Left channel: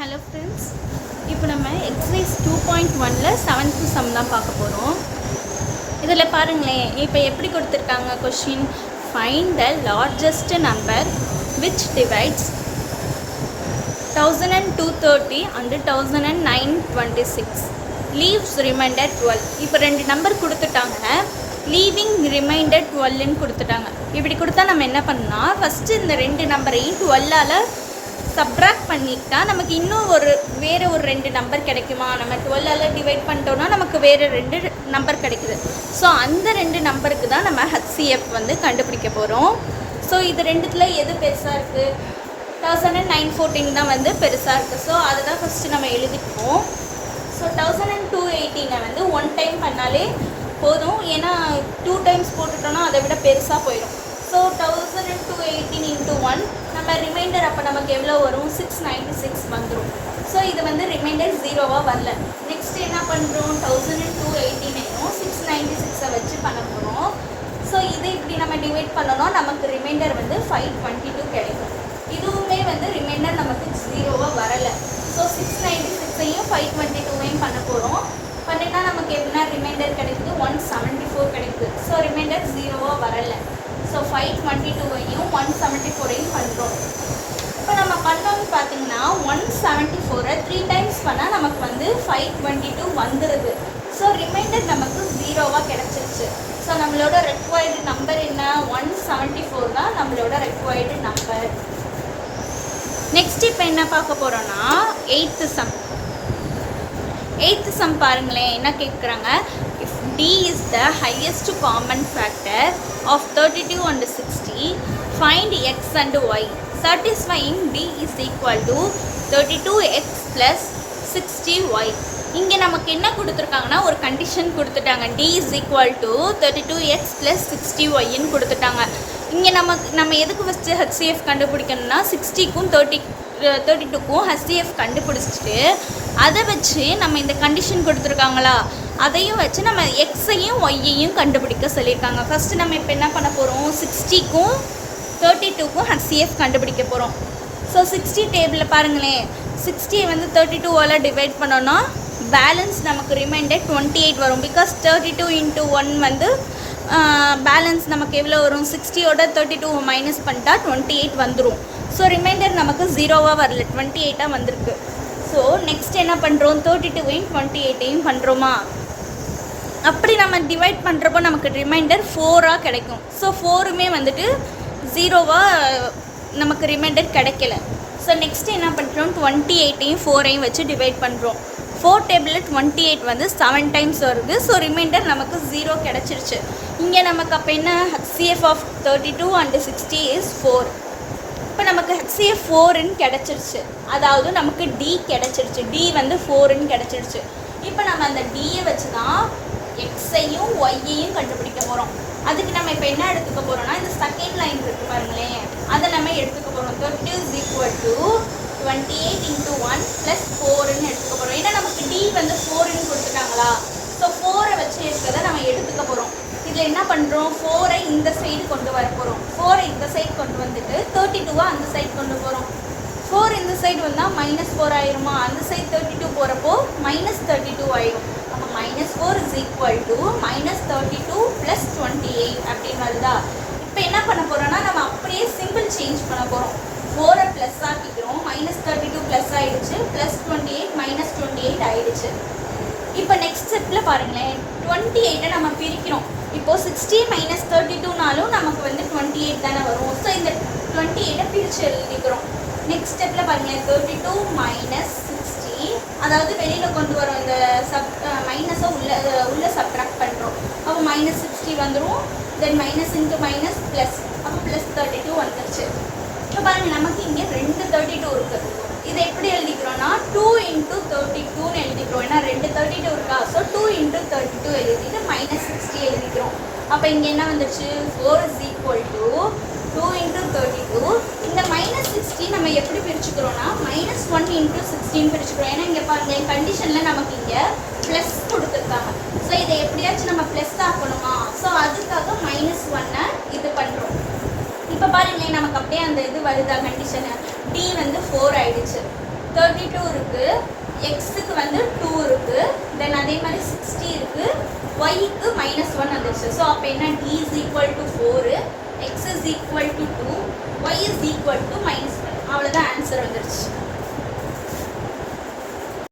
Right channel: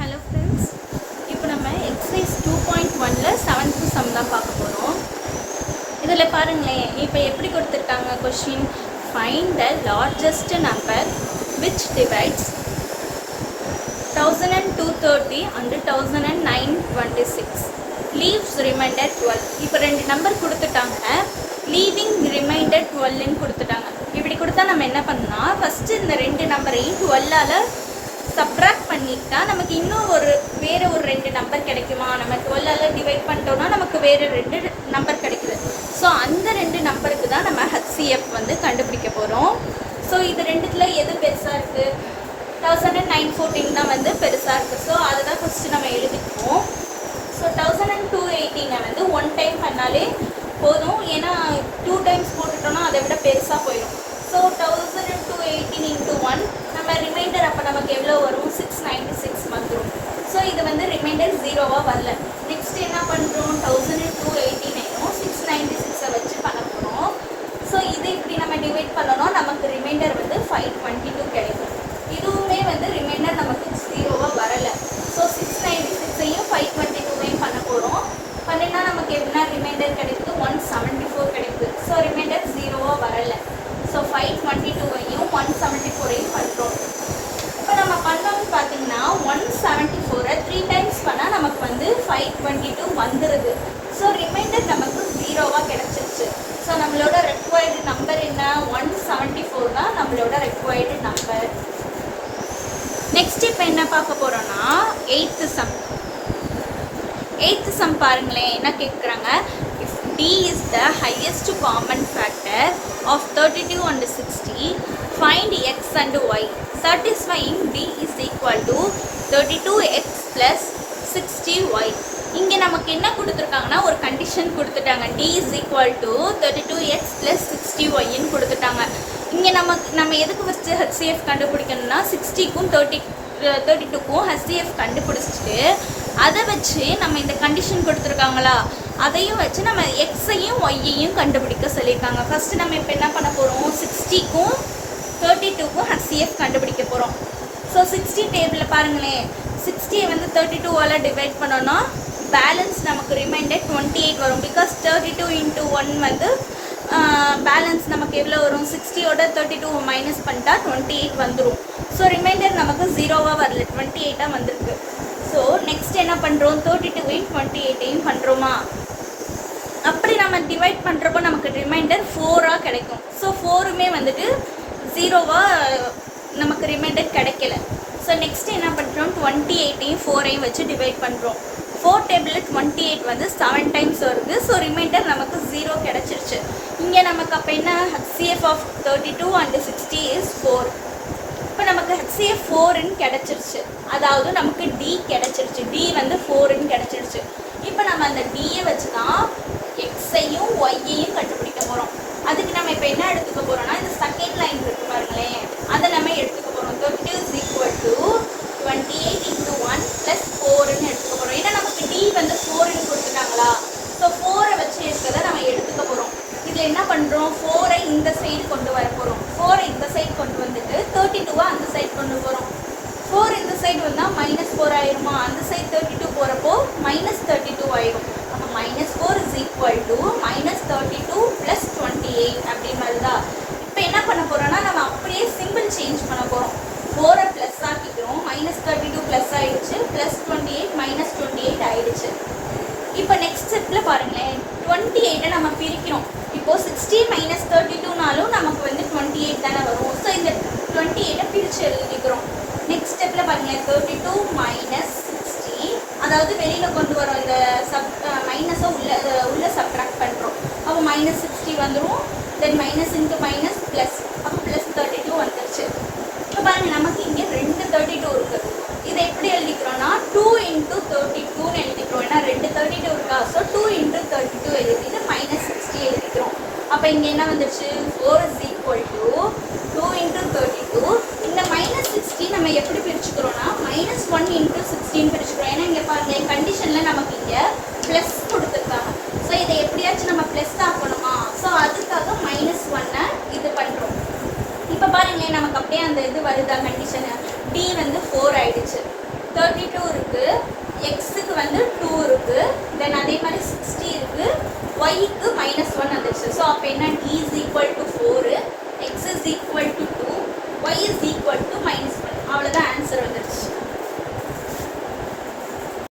Hello friends, இப்போ நம்ம exercise 2.1ல 7th sum தான் பார்க்க போறோம். இதில் பாருங்களேன், இப்போ எப்படி கொடுத்துருக்காங்க question. Find the largest number which divides 1230 and 1926. Leaves remainder 12. இப்போ ரெண்டு நம்பர் கொடுத்துட்டாங்க, லீவிங் ரிமைண்டர் 12ன்னு கொடுத்துட்டாங்க. இப்படி கொடுத்தா நம்ம என்ன பண்ணலாம், ஃபஸ்ட்டு இந்த ரெண்டு நம்பரையும் 12ஆல் சப்ராக்ட் பண்ணிட்டா நமக்கு இன்னும் வேறு ஒரு ரெண்டு நம்பர் கிடைக்குமா. நம்ம 12ஆல் டிவைட் பண்ணிட்டோம்னா நமக்கு வேறு ரெண்டு நம்பர் கிடைக்குது. ஸோ அந்த ரெண்டு நம்பருக்கு தான் நம்ம HCF வந்து கண்டுபிடிக்க போகிறோம். ஸோ இது ரெண்டுத்தில் எது பெருசாக இருக்குது, 1914 தான் வந்து பெருசாக இருக்குது. ஸோ அதை தான் ஃபஸ்ட்டு நம்ம எழுதிக்கணும். ஸோ 1218 வந்து ஒன் டைம் பண்ணாலே போதும், ஏன்னா 2 டைம்ஸ் போட்டுட்டோம்னா அதை விட பெருசாக போயிடும். ஸோ 1218 into 1 நம்ம ரிமைண்டர் அப்போ நமக்கு எவ்வளோ வரும், 696 வந்துடும். ஸோ இது வந்து ரிமைண்டர் 0வாக வரல. நெக்ஸ்ட் என்ன பண்ணுறோம், 1218 696 வச்சு பண்ண போகிறோம். ஸோ இது இப்படி நம்ம டிவைட் பண்ணோம்னா நமக்கு ரிமைண்டர் வந்து 522 கிடைக்கும். இதுவுமே வந்து ரிமைண்டர் நமக்கு 0வாக வரலை. ஸோ 696ஐயும் 522ஐயும் பண்ண போகிறோம். பண்ணினா நமக்கு என்ன ரிமைண்டர் கிடைக்குது, 174 கிடைக்குது. ஸோ ரிமைண்டர் 0வாக வரலை. ஸோ 522ஐயும் 174ஐயும் பண்ணுறோம். இப்போ நம்ம பண்ணோம்னு பார்த்தீங்கன்னா 174 3 டைம்ஸ் பண்ணால் நமக்கு வந்து 522 வந்துடுது. ஸோ ரிமைண்டர் நமக்கு 0வாக கிடைச்சிருச்சு. ஸோ நம்மளோட ரெக்வயர்டு நம்பர் என்ன, 174 தான் நம்மளோட ரெக்வயர்டு நம்பர். நெக்ஸ்ட் இப்போ என்ன பார்க்க போகிறோன்னா 8th sum. 8th sum பாருங்களேன், என்ன கேட்குறாங்க. If D is the highest common factor of 32 and 60, find x and y. Satisfying D is equal to 32x plus 60y. இங்கே நமக்கு என்ன கொடுத்துருக்காங்கன்னா ஒரு கண்டிஷன் கொடுத்துட்டாங்க. D is equal to 32x plus 60yன்னு கொடுத்துட்டாங்க. இங்கே நம்ம எதுக்கு ஃபஸ்ட்டு HCF கண்டுபிடிக்கணும்னா 60க்கும் 32க்கும் HCF கண்டுபிடிச்சிட்டு அதை வச்சு நம்ம இந்த கண்டிஷன் கொடுத்துருக்காங்களா அதையும் வச்சு நம்ம எக்ஸையும் ஒய்யையும் கண்டுபிடிக்க சொல்லியிருக்காங்க. ஃபஸ்ட்டு நம்ம இப்போ என்ன பண்ண போகிறோம், 60க்கும் 32க்கும் HCF கண்டுபிடிக்க போகிறோம். ஸோ 60 டேபிளில் பாருங்களேன், 60 வந்து 32ஆல் டிவைட் பண்ணோன்னா பேலன்ஸ் நமக்கு ரிமைண்டர் 28 வரும். பிகாஸ் 32 into 1 வந்து பேலன்ஸ் நமக்கு எவ்வளோ வரும், 60ஓட 32 மைனஸ் பண்ணிட்டா 28 வந்துடும். ஸோ ரிமைண்டர் நமக்கு 0வாக வரல, 28ஆக வந்திருக்கு. ஸோ நெக்ஸ்ட் என்ன பண்ணுறோம், 32ஐயும் 28ஐயும் பண்ணுறோமா. அப்படி நம்ம டிவைட் பண்ணுறப்போ நமக்கு ரிமைண்டர் 4ஆக கிடைக்கும். ஸோ 4மே வந்துட்டு 0வாக நமக்கு ரிமைண்டர் கிடைக்கல. ஸோ நெக்ஸ்ட் என்ன பண்ணுறோம், 28ஐயும் 4ஐயும் வச்சு டிவைட் பண்ணுறோம். 4 டேபிளில் 28 வந்து 7 டைம்ஸ் வருது. ஸோ ரிமைண்டர் நமக்கு 0 கிடச்சிருச்சு. இங்கே நமக்கு அப்போ என்ன, HCF of 32 and 60 is 4. இப்போ நமக்கு HCF 4ன்னு கிடச்சிருச்சு. அதாவது நமக்கு D கிடச்சிருச்சு. D வந்து 4ன்னு கிடச்சிருச்சு. இப்போ நம்ம அந்த Dயை வச்சு தான் எக்ஸையும் ஒய்யையும் கண்டுபிடிக்க போகிறோம். அதுக்கு நம்ம இப்போ என்ன எடுத்துக்க போகிறோம்னா, இந்த செகண்ட் லைன் இருக்கு பாருங்களேன், அதை நம்ம எடுத்துக்க போகிறோம். 30 is equal to 28 into 1 plus 4ன்னு எடுத்துக்க போகிறோம். ஏன்னா நமக்கு D வந்து 4ன்னு கொடுத்துட்டாங்களா. ஸோ 4ஐ வச்சு இருக்கிறத நம்ம எடுத்துக்க போகிறோம். இதில் என்ன பண்ணுறோம், 4ஐ இந்த சைடு கொண்டு வர போகிறோம். 4ஐ இந்த சைடு கொண்டு வந்துட்டு 32 அந்த சைடு கொண்டு போகிறோம். 4 இந்த சைடு வந்தால் -4 ஆயிருமா, அந்த சைடு 32 போகிறப்போ -32 ஆயிடும். அப்போ -4 is equal to -32 plus 28 அப்படின்னு வருதா. இப்போ என்ன பண்ண போகிறோம்னா நம்ம அப்படியே சிம்பிள் சேஞ்ச் பண்ண போகிறோம். 4ஐ ப்ளஸ் ஆக்கிக்கிறோம், -32 ப்ளஸ் ஆகிடுச்சு, +28 -28 ஆகிடுச்சு. இப்போ நெக்ஸ்ட் ஸ்டெப்பில் பாருங்களேன், 28ஐ நம்ம பிரிக்கிறோம். இப்போது 60 - 32னாலும் நமக்கு வந்து 28 தானே வரும். ஸோ இந்த 28ஐ பிரித்து எழுதிக்கிறோம். நெக்ஸ்ட் ஸ்டெப்பில் பாருங்கள், 32 - 60, அதாவது வெளியில் கொண்டு வரோம், இந்த மைனஸை உள்ள சப்ட்ராக்ட் பண்ணுறோம். அப்போ -60 வந்துடும். தென் மைனஸ் இன்ட்டு மைனஸ் ப்ளஸ், அப்போ +32 வந்துருச்சு. இப்போ பாருங்கள், நமக்கு இங்கே 2 32 இருக்குது. இதை எப்படி எழுதிக்கிறோம்னா 2 into 32ன்னு எழுதிக்கிறோம். ஏன்னா 2 32 இருக்கா. ஸோ 2 into 32 எழுதிட்டு -60 எழுதிக்கிறோம். அப்போ இங்கே என்ன வந்துருச்சு, 4 is equal to 2 into 32. இந்த -60 நம்ம எப்படி பிரிச்சுக்கிறோம்னா -1 into 16 பிரிச்சுக்கிறோம். ஏன்னா இங்கே பாருங்கள், கண்டிஷனில் நமக்கு இங்கே ப்ளஸ் கொடுத்துருக்காங்க. ஸோ இதை எப்படியாச்சும் நம்ம ப்ளஸ் ஆக்கணுமா. ஸோ அதுக்காக -1ஐ இது பண்ணுறோம். இப்போ பாருங்களேன், நமக்கு அப்படியே அந்த இது வருதா கண்டிஷனு. D வந்து 4 ஆயிடுச்சு. 32 is equal to 4, x is equal to 2, y is equal to